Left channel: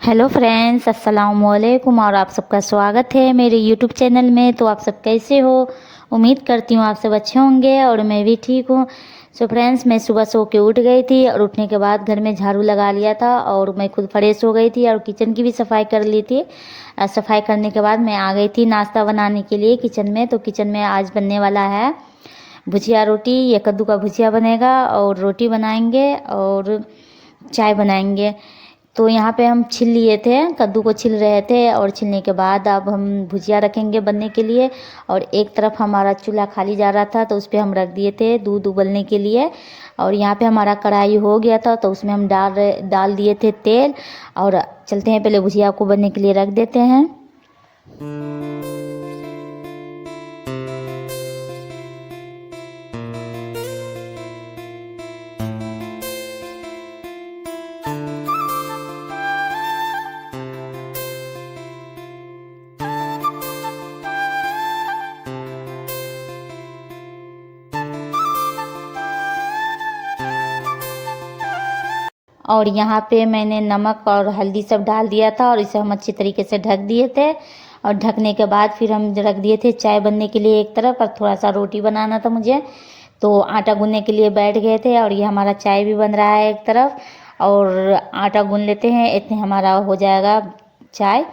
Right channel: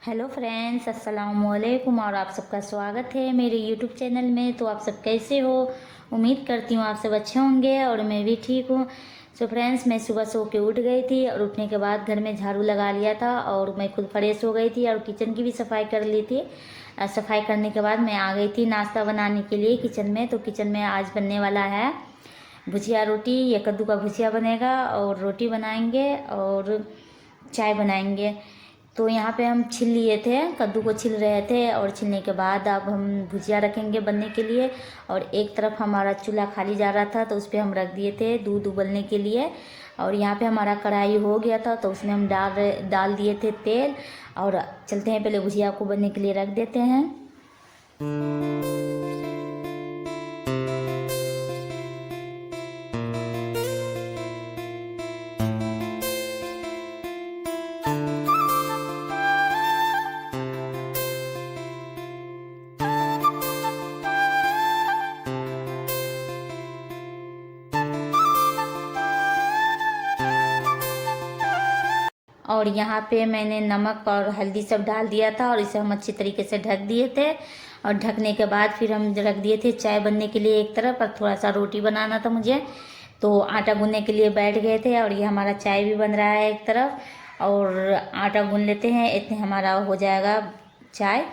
Hello friends, अस्सलाम वालेकुम और आप सबका स्वागत है मेरे यूट्यूब चैनल में। तो आप सब कैसे हो? उम्मीद करती हूँ आप सब अच्छे होंगे और मैं भी ठीक हूँ। सो फ्रेंड्स, मैं सुबह सो के उठ गई थी और उठने के बाद घर में झाड़ू लगा लिया था और मैं खुद फ्रेश हो गई थी और किचन की भी सफाई कर ली थी। सफाई करने के बाद मैं आ गई थी नाश्ता बनाने के लिए किचन में। तो किचन में आज बनने वाला है भुजिया रोटी। ये कद्दू का भुजिया बनेगा और रोटी बनाएंगे और चाय बनाएंगे। तो यहाँ पे हम छिल लिए थे, कद्दू को छिल रहे थे और छिलने के बाद अब हम भुजिया रखेंगे बनने के लिए। और एक तरफ हमारा चूल्हा खाली जा रहा था तो उस पर हम रख दिए थे दूध उबलने के लिए। और यहाँ पे हमारा कढ़ाई हो गया था तो उसमें हम डाल दिए थे तेल। और चलते हैं, पहले भुजिया को बनने के लिए रख देते हैं। और यहाँ पे मैंने नमक और हल्दी सब डाल दिया था और इसे हम अच्छी तरीके से ढक दिए थे। और ढकने के बाद फिर हम रख दिए थे चाय बनने के लिए एक तरफ, और थोड़ा सा रोटी बनाना था मुझे तो आटा गूंदने के लिए बैठ गए थे। और ये हमारा चाय भी बन रहा है एक तरफ, और आटा गूंद लेते हैं, इतने हमारा हो जाएगा चाय।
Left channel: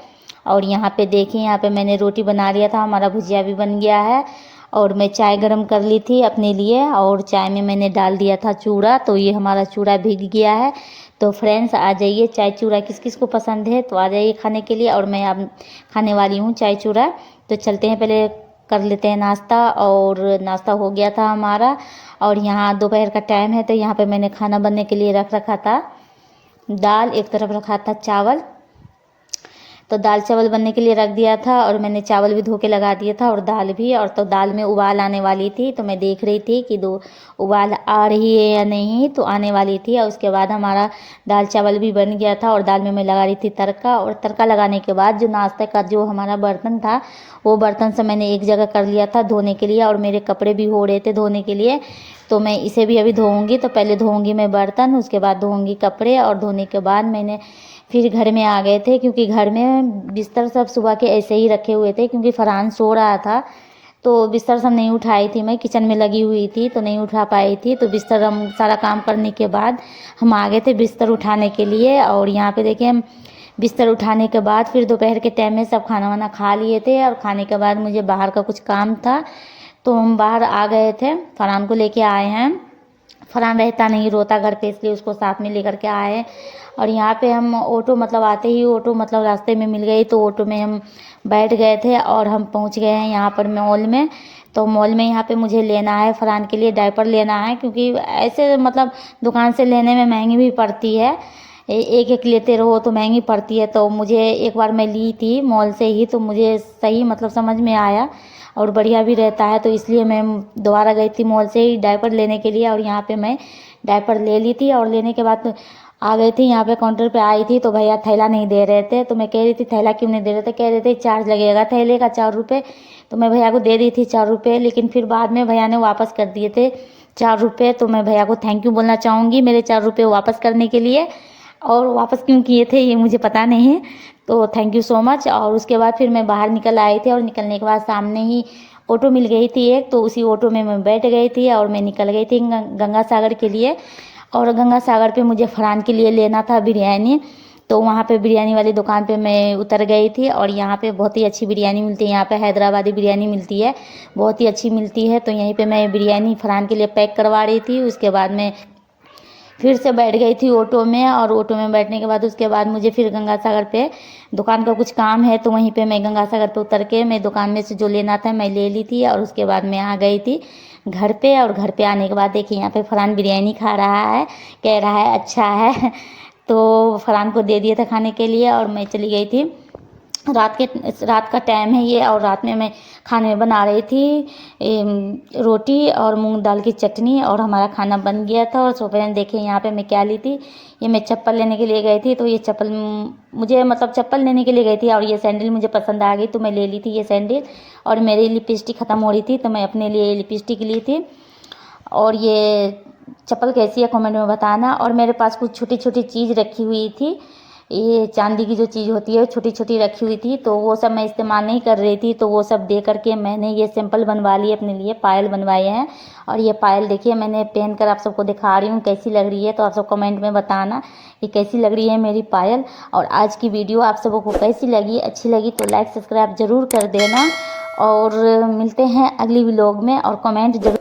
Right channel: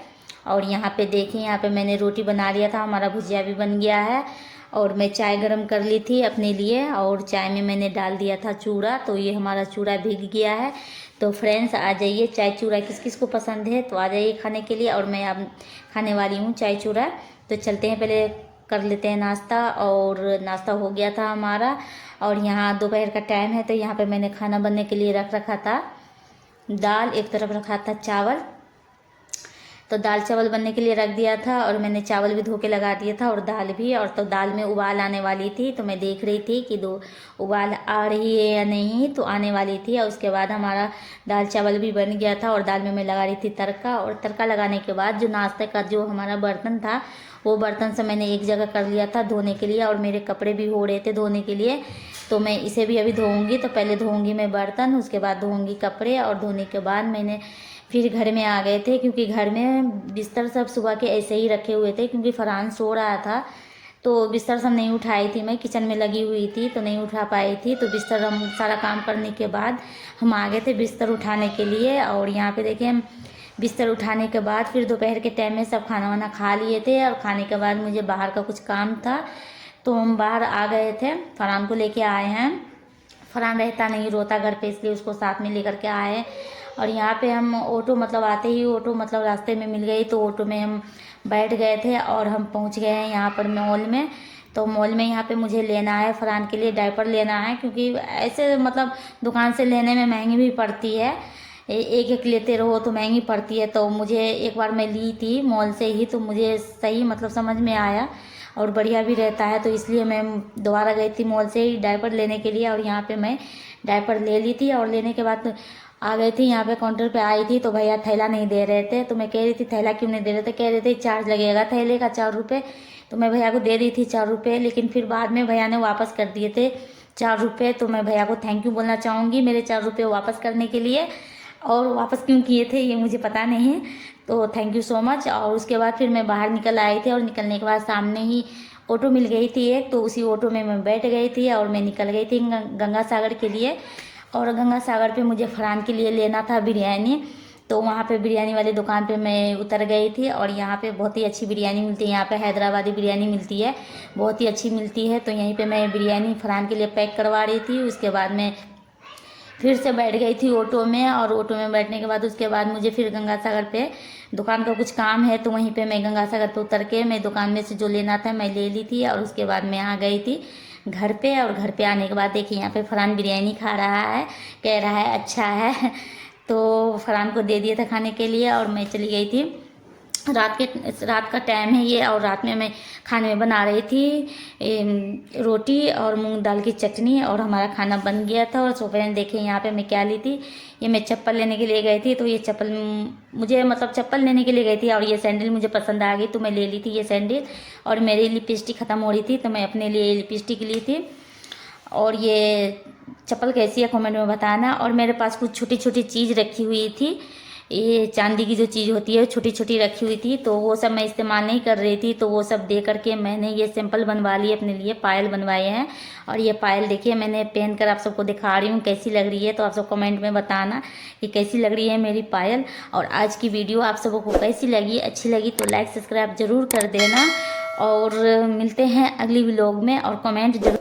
और यहाँ पे देखिए, यहाँ पे मैंने रोटी बना लिया था, हमारा भुजिया भी बन गया है। और मैं चाय गरम कर ली थी अपने लिए और चाय में मैंने डाल दिया था चूड़ा, तो ये हमारा चूड़ा भीग गया है। तो फ्रेंड्स, आ जाइए, चाय चूड़ा किस किस को पसंद है तो आ जाइए खाने के लिए। और मैं अब खाने वाली हूँ चाय चूड़ा। तो चलते हैं, पहले कर लेते हैं नाश्ता। और नाश्ता हो गया था हमारा। और यहाँ दोपहर का टाइम है तो यहाँ पे मैंने खाना बनने के लिए रख रखा था दाल, एक तरफ रखा था चावल। तो दाल चावल बनने के लिए रख दिया था और मैंने चावल भी धो के लगा दिया था और दाल भी। और तो दाल में उबाल आने वाली थी तो मैं देख रही थी कि दो उबाल आ रही है या नहीं, तो आने वाली थी। और उसके बाद हमारा दाल चावल भी बन गया था और दाल में मैं लगा रही थी तड़का। और तड़का लगाने के बाद जो नाश्ते का जो हमारा बर्तन था वो बर्तन से मैंने एक जगह कर लिया था धोने के लिए। और मेरे कपड़े भी हो रहे थे धोने के लिए, तो मैं इसे भी अभी धोऊंगी। तो पहले धोऊंगी मैं बर्तन, उसके बाद धोऊंगी कपड़े। और धोने के बाद मैंने फिर घर में आ गए थे क्योंकि घर में बिस्तर सब सुबह के ऐसे ही रखे हुए थे क्योंकि फरहान सो रहा था। तो बिस्तर सब नहीं उठाई थी, मैं किचन में लगी हुई थी तो नहीं उठा पाई थी। तो बिस्तर हम सारा काम करने के बाद हम आ गए थे बिस्तर उठाने के लिए। और यहाँ पे देखिए, हम बिस्तर उठाने के बाद फिर दोपहर के टाइम में सब खाना वाना खा लिए थे। और खाने के बाद मुझे बाहर का कुछ काम था तो हम बाहर आ गए थे, फरहान को लेके आए हैं। फरहान रहता नहीं, रोता घर पे, इसलिए उसको साथ में लेकर के आए। और यहाँ पे हम ऑटो मतलब आते ही ऑटो मतलब रास्ते में मिल गई तो ऑटो में हम बैठ गए थे और हम पहुँच गए हैं यहाँ पर मॉल में। तो मॉल में यहाँ पे मुझे लेना है फरहान के लिए डायपर लेना है, क्योंकि ऐसे मतलब दुकान से लेने में महंगी भी पड़ती है, एक एक लेते रहो तो महंगी पड़ती है। तो मुझे एक बार मैं ली थी मॉल से ही तो मुझे सही मतलब समझ में आया और बढ़िया भी रहता है, तो इसलिए मैं दोबारा गई थी मॉल से ही डायपर लेने के लिए। और यहाँ पे मैं डायपर ले ली थी और लेने के बाद आ गई थी यहाँ पे काउंटर पे आई थी तो भैया थैला नहीं दे रहे थे। तो मैं कह रही थी थैला क्यों नहीं दे रहे थे, कह रहे थे चार्ज लगेगा थैले का 4 रुपये। तो मैं भैया को दे दी थी 4 रुपये, लेकिन फिर बाद में भैया ने वापस कर दिए थे 4 रुपये। तो मैं भैया को थैंक यू बोलना चाहूँगी मेरे 4 रुपये वापस करने के लिए। और वापस क्यों किए थे ये मुझे पता नहीं, तो थैंक यू सो मच। और उसके बाद फिर मैं बाहर निकल आई थी और निकलने के बाद सामने ही ऑटो मिल गई थी एक, तो उसी ऑटो में मैं बैठ गई थी और मैं निकल गई थी गंगा सागर के लिए। और गंगा सागर पे मुझे फरहान के लिए लेना था बिरयानी, तो वहाँ पे बिरयानी वाली दुकान पे मैं उतर गई थी। और यहाँ पे बहुत ही अच्छी बिरयानी मिलती है, यहाँ पे हैदराबादी बिरयानी मिलती है, बहुत ही अच्छी मिलती है। तो यहीं पे मैं बिरयानी फरहान के लिए पैक करवा रही थी। उसके बाद मैं फिर से बैठ गई थी ऑटो में। और ऑटो में बैठने के बाद उसके बाद मुझे फिर गंगा सागर पे दुकान का कुछ काम है तो वहीं पे मैं गंगा सागर पे उतर के मैं दुकान में से जो लेना था मैं ले ली थी। और उसके बाद मैं आ गई थी घर पे। और घर पे आने के बाद देखिए, यहाँ पे फरहान बिरयानी खा रहा है, कह रहा है अच्छा है तो फरहान को दे दिया था खाने के लिए। और मैं चली गई थी, रात का टाइम है ये, और रात में मैं खाने में बना रही थी रोटी और मूंग दाल की चटनी। और हमारा खाना बन गया था। और सो फ्रेंड देखिए, यहाँ पे मैं क्या ली थी, ये मैं चप्पल लेने के लिए गई थी। तो ये चप्पल मुझे मतलब चप्पल लेने के लिए गई थी और ये सैंडल मुझे पसंद आ गई तो मैं ले ली थी ये सैंडल। और मेरी लिपस्टिक ख़त्म हो रही थी तो मैं अपने लिए लिपस्टिक ली थी। और ये चप्पल कैसी है कमेंट में बताना। और मेरे पास कुछ छोटी छोटी चीज़ रखी हुई थी ये चांदी की जो चीज़ होती है छोटी छोटी रखी हुई थी, तो वो सब मैं इस्तेमाल नहीं कर रही थी, तो वो सब दे करके मैंने ये सिंपल बनवा लिए अपने लिए, पायल बनवाए हैं। और ये पायल देखिए मैंने पहन कर आप सबको दिखा रही हूँ कैसी लग रही है, तो आप सब कमेंट में बताना कि कैसी लग रही है मेरी पायल। और आज की वीडियो आप सबों को कैसी लगी, अच्छी लगी तो लाइक सब्सक्राइब जरूर कर देना, और मिलते हैं अगली व्लॉग में, और कमेंट जरूर